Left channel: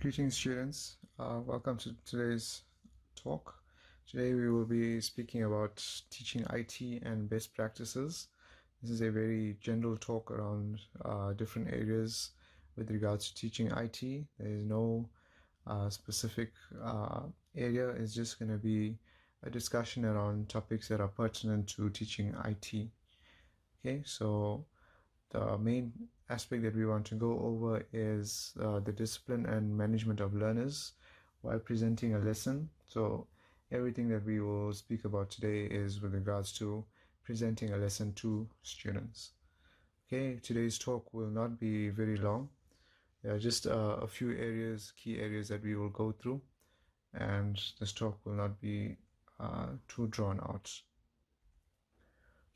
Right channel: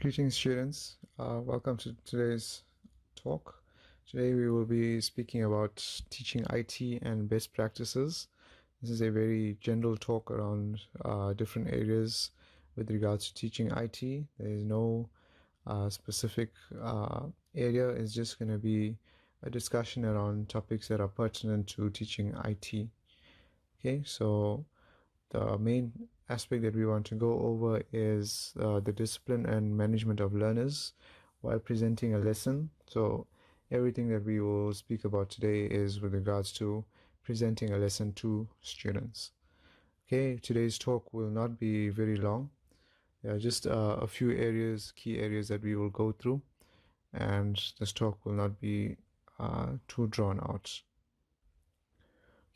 Greetings, students. Welcome to today's talk. Today we will be speaking about teaching IT and best practices. This is a very general talk around different areas with regards to teaching IT. There is no specific area. It's just going to be a discussion around topics that are pertinent to teaching IT. Okay, so the main aspect that we want to go over is the discipline and management of learners while presenting a lesson. So everything that we will speak about today is with regards to presenting a lesson to students. Okay, today's talk will not be very long. There are just a few areas, key areas that we will go through, and this talk will not be too drawn out.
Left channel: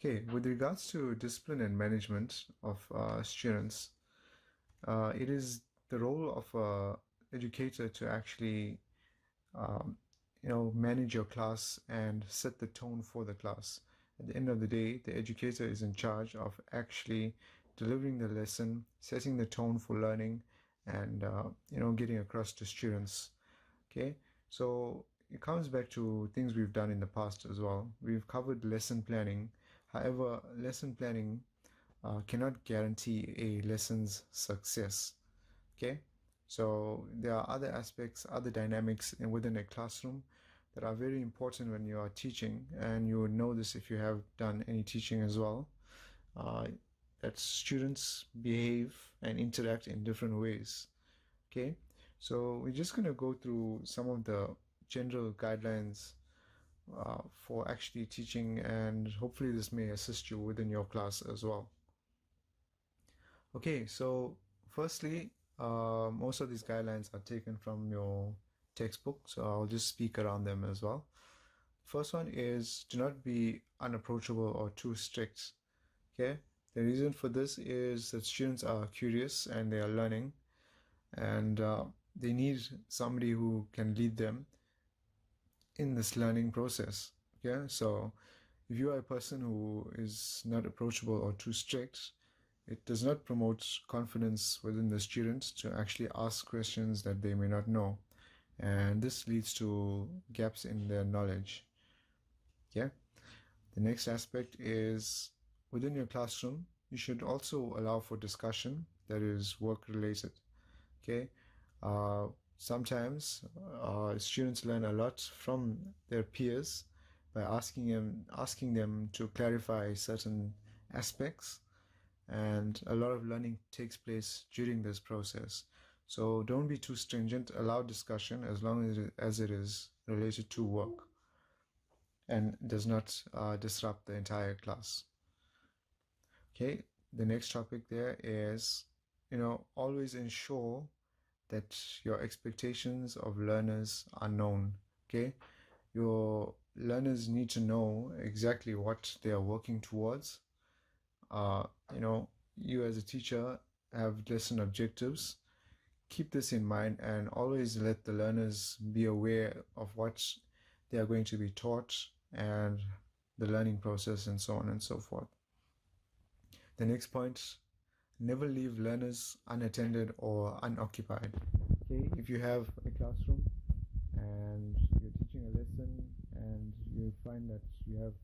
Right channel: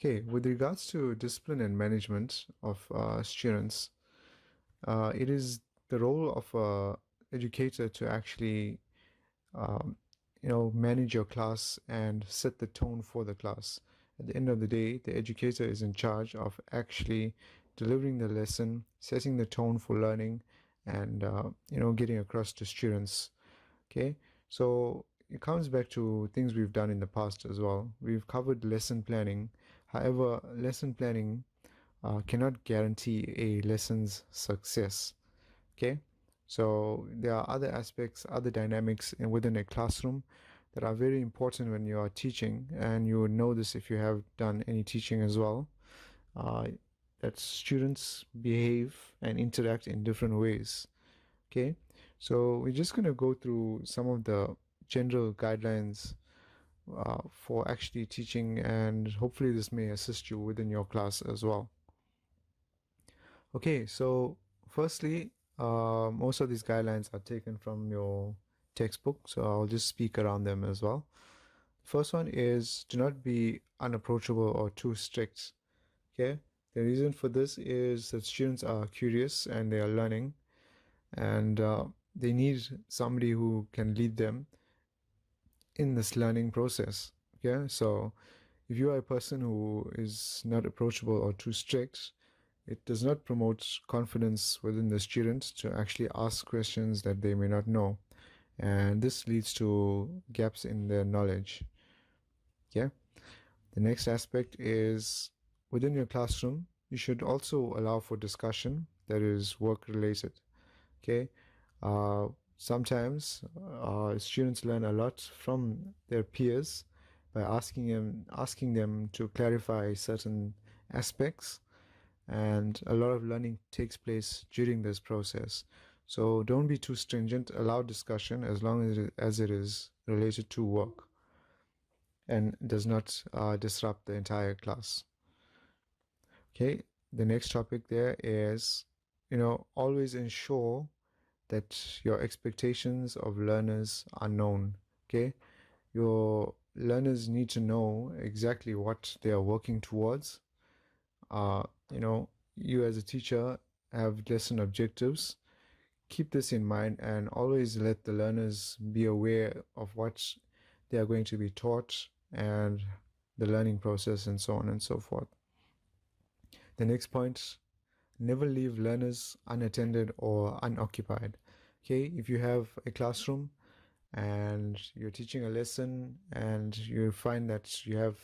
Okay, with regards to discipline and management of students, it is the role of an educator to actually, manage your class and set the tone for the class. At the end of the day, the educator is in charge of actually delivering the lesson, setting the tone for learning, and getting across to students. Okay, so it comes back to things we've done in the past as well. We've covered lesson planning. However, lesson planning cannot guarantee a lesson's success. Okay, so there are other aspects, other dynamics within a classroom that are very important when you are teaching, and you would know this if you have done any teaching as well. That students behave and interact in different ways. Okay, so we're just going to go through some of the general guidelines for actually teaching, and hopefully this may assist you within your class as well. Okay, so firstly, most of these guidelines are taken from your textbook, so I'll just speak around them as well. First one is do not be unapproachable or too strict. Okay, the reason for this is that students are curious and they are learning, and they need somebody who can lead them in this learning process. Okay, so if you are a person who is not approachable or too strict, it does not promote confidence within the student to actually ask questions that they may not know, and this leads to gaps in their knowledge. Okay, the next aspect is within your classroom you should also allow for discussion that is work related. Okay, sometimes students learn a lot from their peers by asking them to clarify certain aspects, and a lot of learning takes place during this process. So don't be too stringent. Allow discussion as long as it is related to work and does not disrupt the entire class. Okay, the next topic there is, always ensure that your expectations of learners are known. Okay, your learners need to know exactly what they are working towards. You as a teacher have lesson objectives. Keep this in mind and always let the learners be aware of what they are going to be taught and the learning process and so on and so forth. The next point, never leave learners unattended or unoccupied. Okay, if you have a classroom and you're teaching a lesson and you find that you have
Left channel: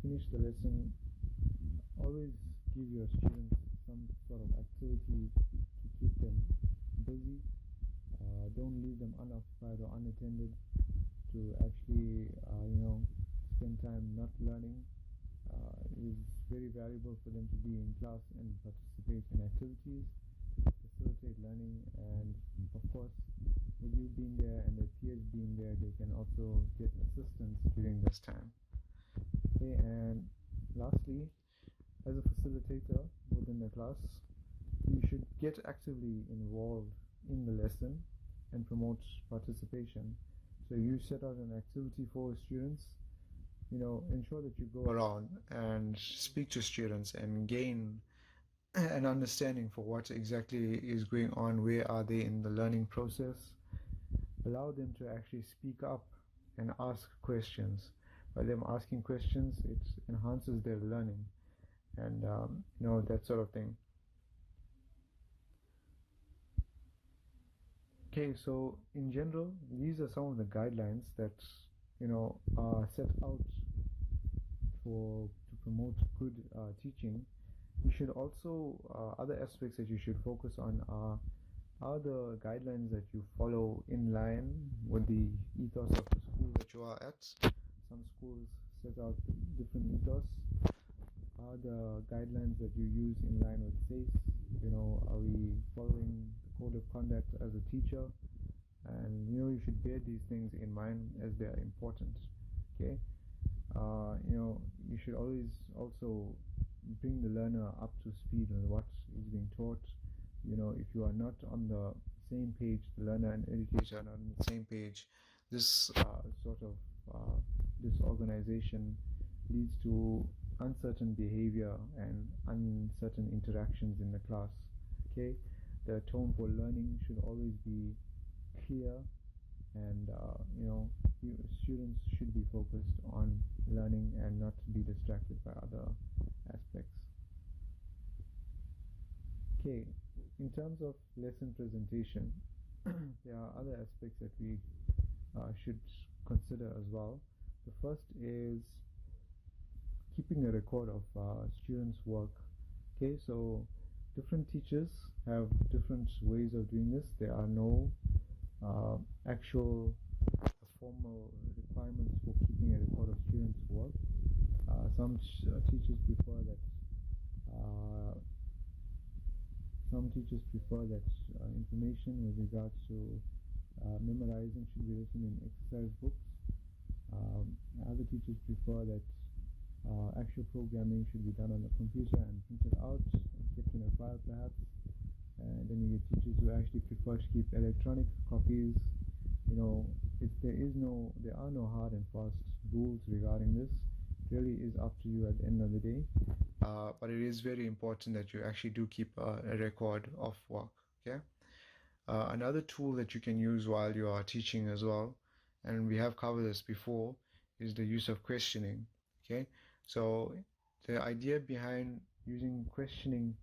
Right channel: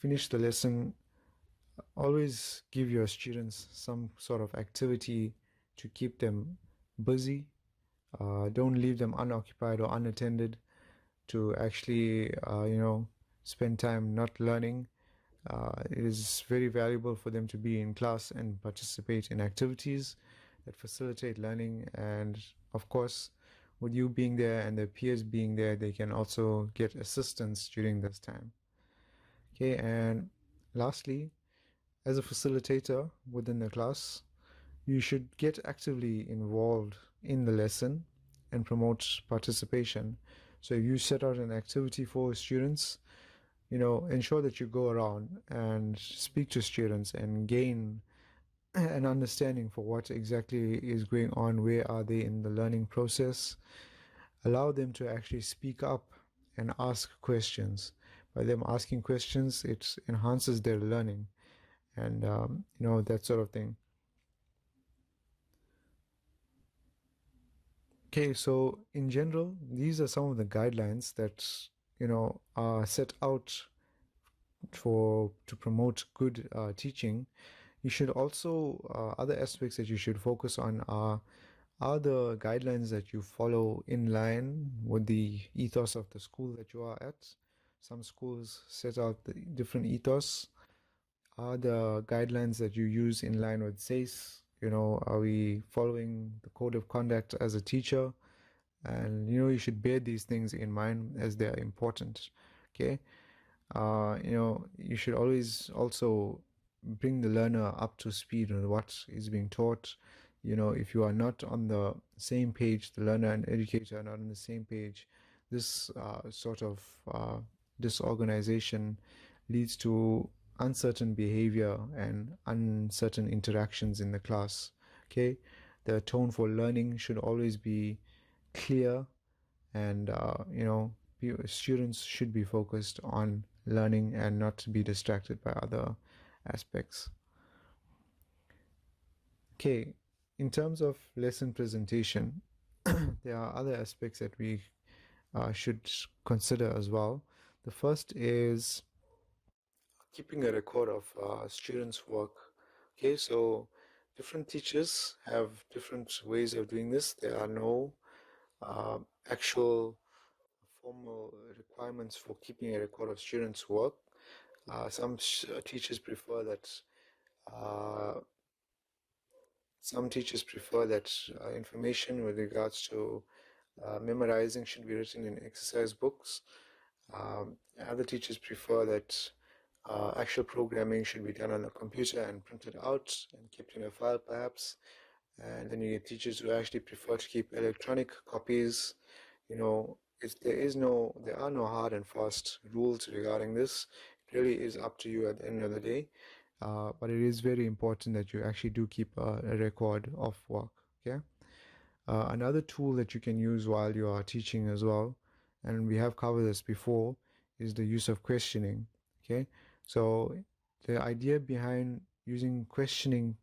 finished the lesson, always give your students some sort of activity to keep them busy. Don't leave them unoccupied or unattended to actually, spend time not learning. It is very valuable for them to be in class and participate in activities that facilitate learning. And of course, with you being there and their peers being there, they can also get assistance during this time. Okay, and lastly, as a facilitator within the class, you should get actively involved in the lesson and promote participation. So if you set out an activity for students, ensure that you go around and speak to students and gain an understanding for what exactly is going on, where are they in the learning process. Allow them to actually speak up and ask questions. By them asking questions, it enhances their learning and that sort of thing. Okay, so in general, these are some of the guidelines that are set out for to promote good teaching. You should also other aspects that you should focus on are the guidelines that you follow in line with the ethos of the school that you are at. Some schools set out the different ethos. Are the guidelines that you use in line with SACE? Are we following the code of conduct as a teacher? And you should bear these things in mind as they are important. Okay. You should always also bring the learner up to speed on what is being taught. If you are not on the same page, the learner and educator are not on the same page, this sort of disorganization leads to uncertain behavior and uncertain interactions in the class. Okay, the tone for learning should always be clear, and students should be focused on learning and not be distracted by other aspects. Okay, in terms of lesson presentation, there are other aspects that we should consider as well. The first is keeping a record of students' work. Okay, so different teachers have different ways of doing this. There are no actual formal requirements for keeping a record of students' work. Some teachers prefer that. Uh, some teachers prefer that information with regards to memorizing should be written in exercise books. Other teachers prefer that actual programming should be done on a computer and printed out and kept in a file, perhaps. And then you get teachers who actually prefer to keep electronic copies. There are no hard and fast rules regarding this. It really is up to you at the end of the day. But it is very important that you actually do keep a record of work. Okay. Another tool that you can use while you are teaching as well, and we have covered this before, is the use of questioning. Okay. So the idea behind using questioning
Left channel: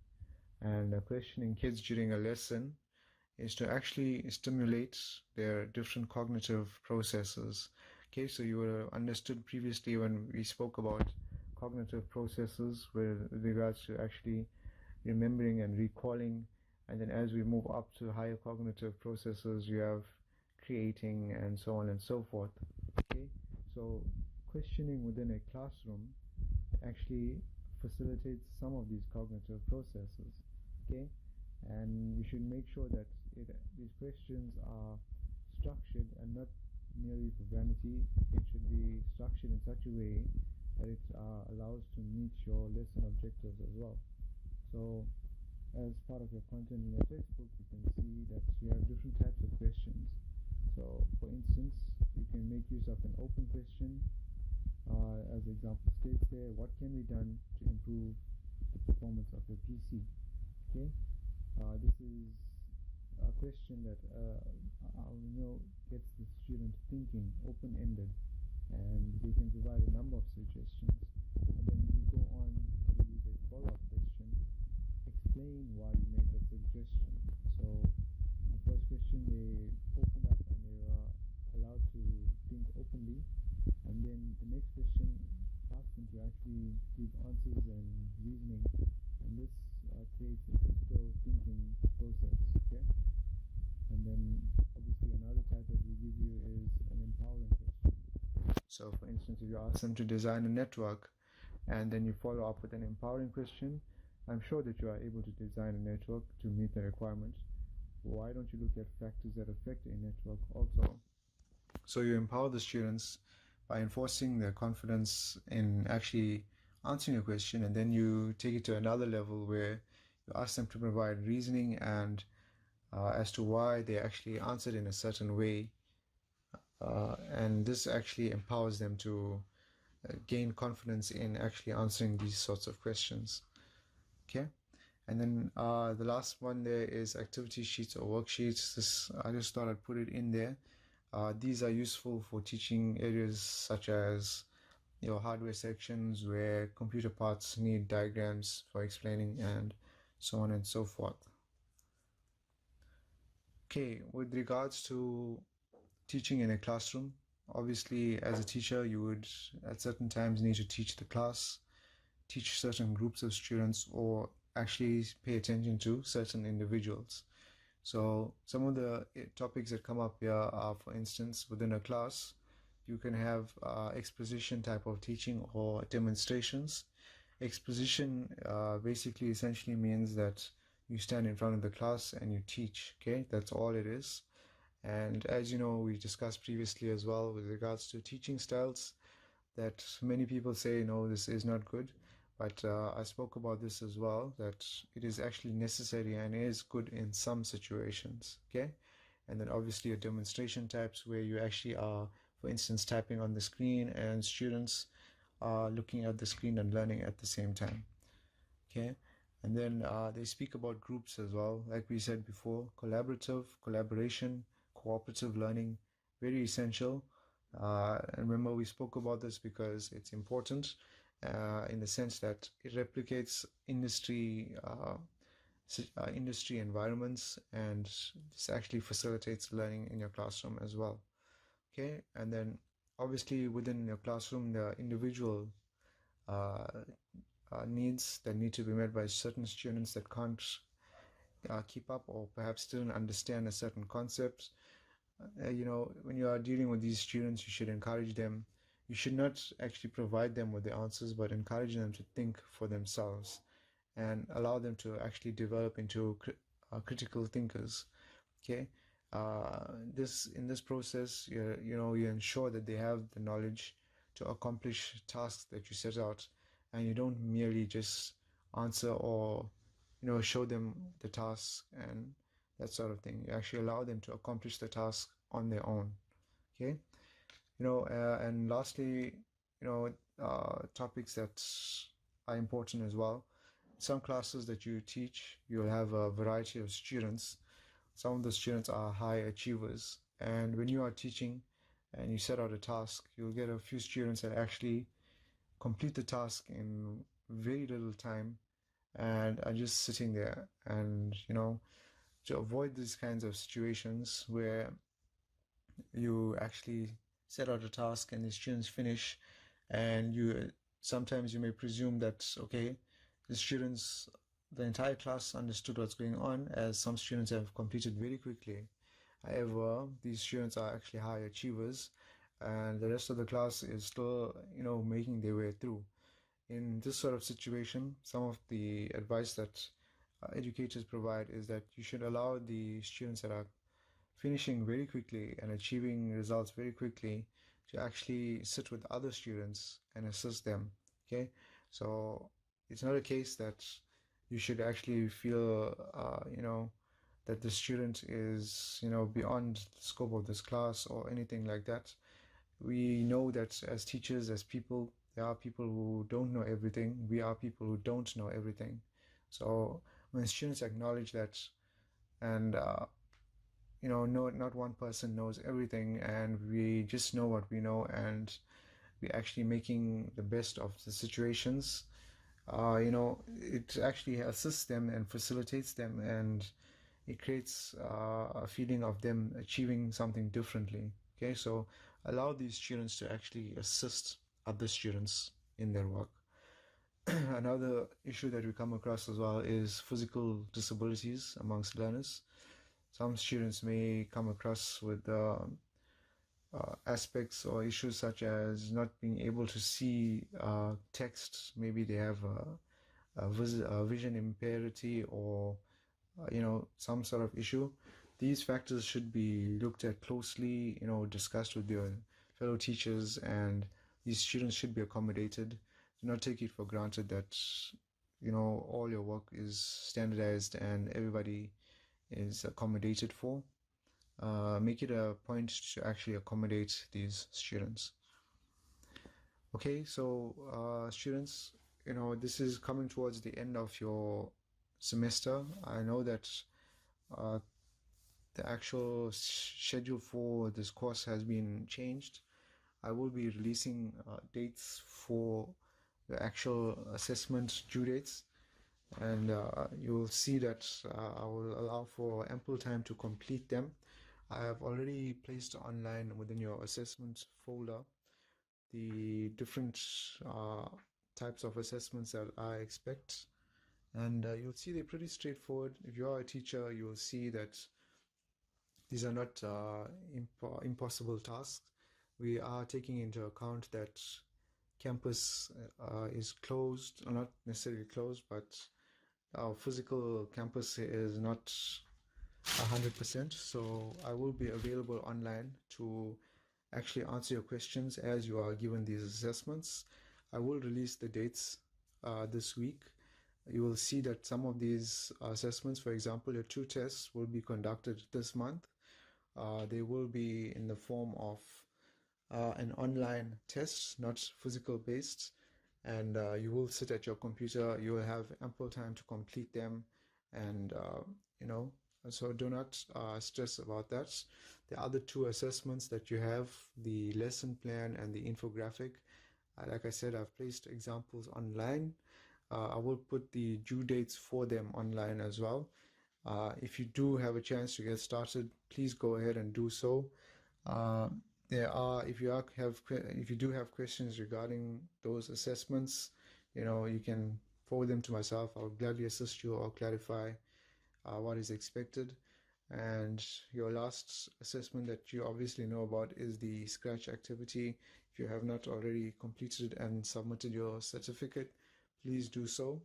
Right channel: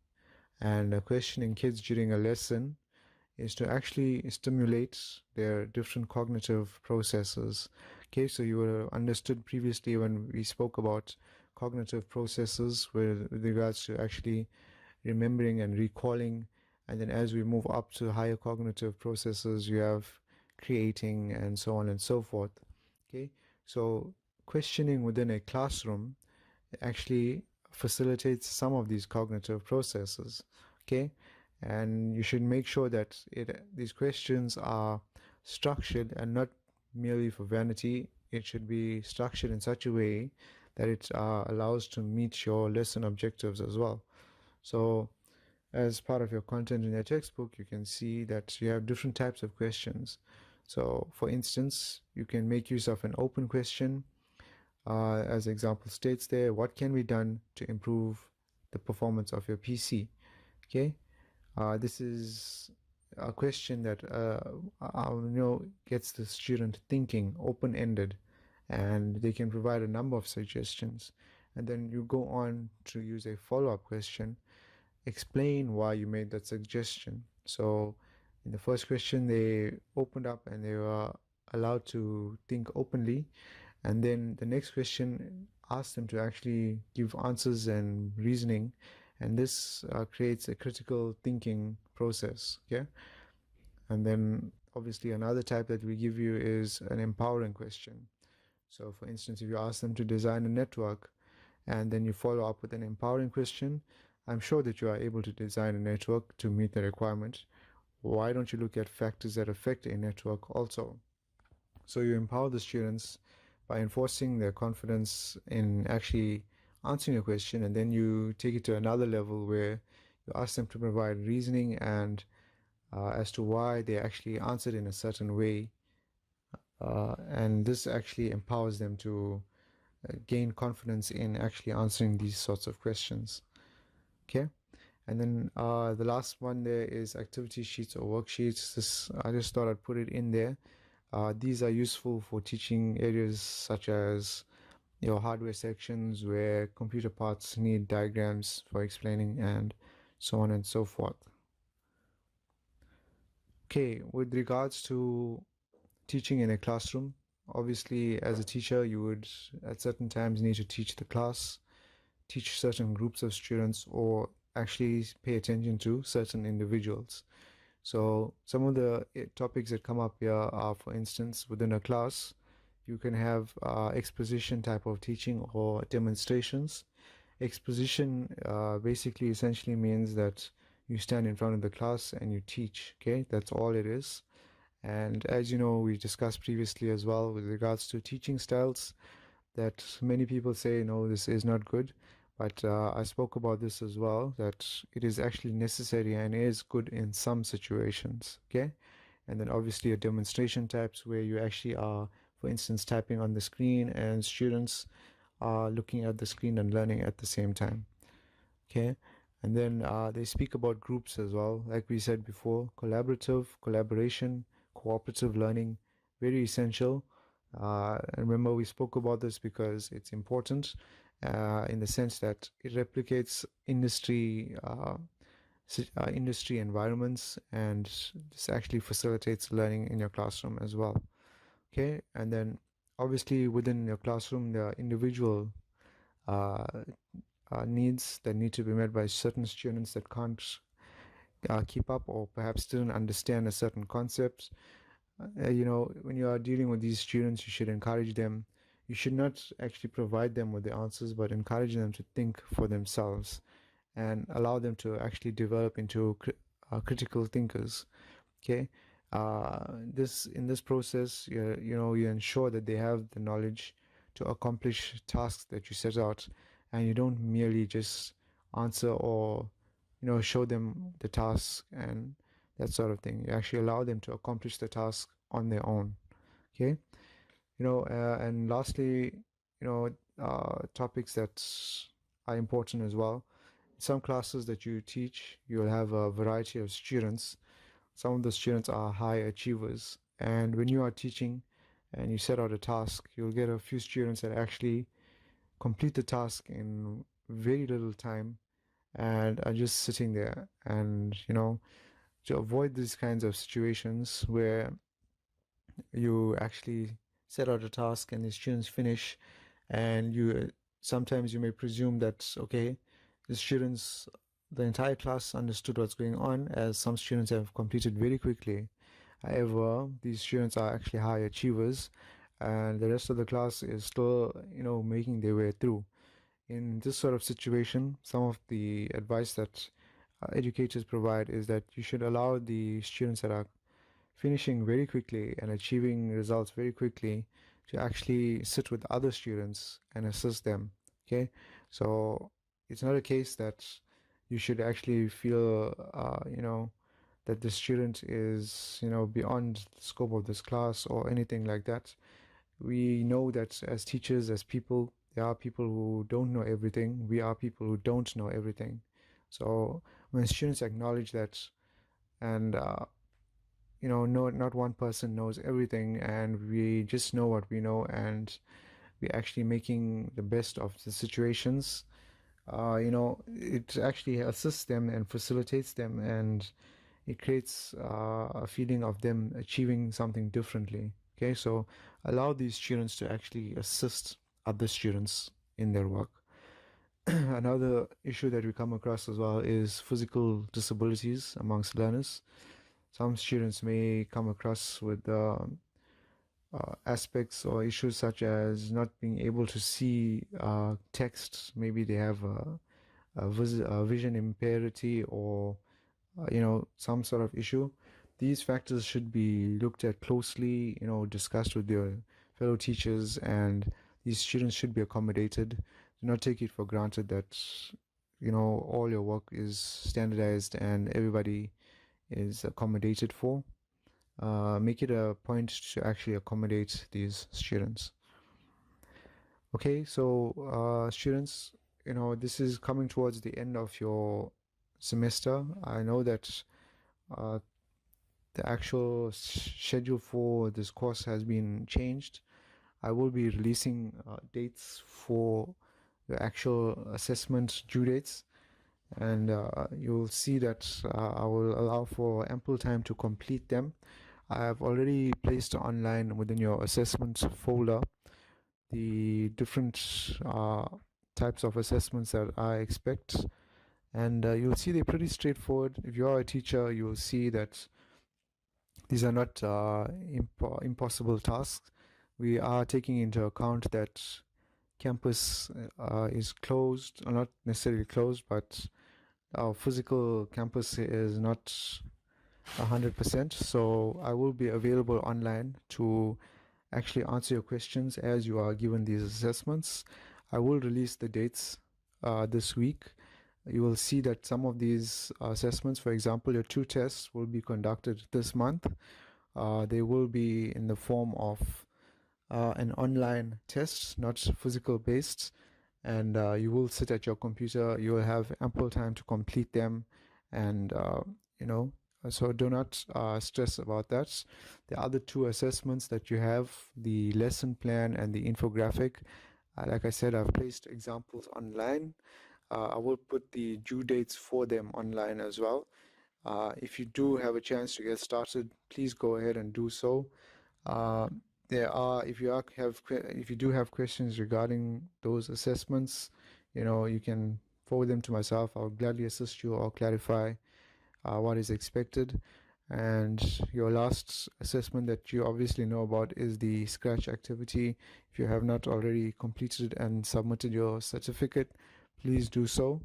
and questioning kids during a lesson is to actually stimulate their different cognitive processes. Okay, so you would have understood previously when we spoke about cognitive processes with regards to actually remembering and recalling, and then as we move up to higher cognitive processes, you have creating and so on and so forth. Okay, so questioning within a classroom actually facilitates some of these cognitive processes. Okay, and you should make sure that these questions are structured and not merely for vanity. It should be structured in such a way that it allows to meet your lesson objectives as well. So as part of your content in your textbook, you can see that you have different types of questions. So for instance, you can make use of an open question. As the example states there, what can be done to improve the performance of your PC? Okay, this is a question that gets the student thinking, open-ended, and they can provide a number of suggestions. And then you go on to use a follow-up question. Explain why you made that suggestion. So in the first question, they opened up and they were allowed to think openly, and then the next question asked them to actually give answers and reasoning, and this creates a critical thinking process. Okay, and then obviously another type that we give you is an empowering question. So for instance, if you ask them to design a network and then you follow up with an empowering question, I'm sure that you are able to design a network to meet the requirement. Why don't you look at factors that affect a network also? So you empower the students by enforcing their confidence in actually answering a question, and then you take it to another level where you ask them to provide reasoning and as to why they actually answered in a certain way, and this actually empowers them to gain confidence in actually answering these sorts of questions. Okay, and then the last one there is activity sheets or worksheets. This I just thought I'd put it in there. These are useful for teaching areas such as your hardware sections where computer parts need diagrams for explaining and so on and so forth. Okay, with regards to teaching in a classroom, obviously as a teacher you would at certain times need to teach the class, teach certain groups of students, or actually pay attention to certain individuals. So some of the topics that come up here are, for instance, within a class you can have exposition type of teaching or demonstrations. Exposition basically essentially means that you stand in front of the class and you teach. Okay, that's all it is. And as you know, we discussed previously as well with regards to teaching styles, that many people say, no, this is not good. But I spoke about this as well, that it is actually necessary and is good in some situations. Okay. And then obviously a demonstration types where you actually are, for instance, typing on the screen and students are looking at the screen and learning at the same time. Okay. And then they speak about groups as well. Like we said before, collaboration, cooperative learning, very essential. And remember, we spoke about this because it's important in the sense that it replicates industry environments, and this actually facilitates learning in your classroom as well. Okay. And then obviously within your classroom, there are individual uh, needs that need to be met by certain students that can't keep up or perhaps didn't understand a certain concept. When you are dealing with these students, you should encourage them. You should not actually provide them with the answers, but encourage them to think for themselves and allow them to actually develop into critical thinkers. Okay. uh, this in this process, you ensure that they have the knowledge to accomplish tasks that you set out, and you don't merely just answer or show them the task and that sort of thing. You actually allow them to accomplish the task on their own. Okay. And lastly, topics that are important as well. Some classes that you teach, you'll have a variety of students. Some of the students are high achievers, and when you are teaching and you set out a task, you'll get a few students that actually complete the task in very little time and are just sitting there. And to avoid these kinds of situations where you actually set out a task and the students finish, and you sometimes you may presume that, okay, the entire class understood what's going on, as some students have completed very quickly. However, these students are actually high achievers, and the rest of the class is still making their way through. In this sort of situation, some of the advice that educators provide is that you should allow the students that are finishing very quickly and achieving results very quickly to actually sit with other students and assist them. Okay. So it's not a case that you should actually feel that the student is beyond the scope of this class or anything like that. We know that as teachers, as people, there are people who don't know everything. We are people who don't know everything. So when students acknowledge that, and no, not one person knows everything, and we just know what we know, and we're actually making the best of the situations. It actually assists them and facilitates them, and it creates a feeling of them achieving something differently. Okay, so allow these students to actually assist other students in their work. Another issue that we come across as well is physical disabilities amongst learners. Some students may come across with aspects or issues such as not being able to see text. Maybe they have a vision impairity, or some sort of issue. These factors should be looked at closely, discussed with their fellow teachers, and these students should be accommodated. Do not take it for granted that all your work is standardized and everybody is accommodated for. Make it a point to actually accommodate these students. Okay, so students, this is coming towards the end of your semester. I know that uh, the actual schedule for this course has been changed. I will be releasing dates for the actual assessment due dates. and you'll see that I will allow for ample time to complete them. I have already placed online within your assessments folder the different types of assessments that I expect, and you'll see they're pretty straightforward. If you are a teacher, you'll see that these are not impossible tasks. We are taking into account that campus is closed, or not necessarily closed, but our physical campus is not 100%. So I will be available online to actually answer your questions as you are given these assessments. I will release the dates this week. You will see that some of these assessments, for example, your 2 tests will be conducted this month. They will be in the form of an online test, not physical based, and you will sit at your computer. You will have ample time to complete them, and you know, so do not stress about that. The other 2 assessments that you have, the lesson plan and the infographic, like I said, I've placed examples online. I will put the due dates for them online as well. If you do have a chance to get started, please go ahead and do so. Uh, if you do have questions regarding those assessments, you can forward them to myself. I'll gladly assist you or clarify what is expected. And your last assessment that you obviously know about is the Scratch activity. If you have not already completed and submitted your certificate, please do so.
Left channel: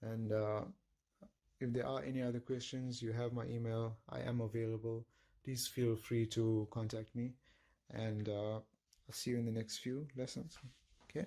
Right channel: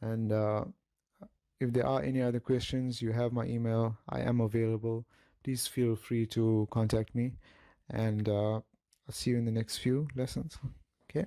And if there are any other questions, you have my email. I am available. Please feel free to contact me. And I'll see you in the next few lessons. Okay.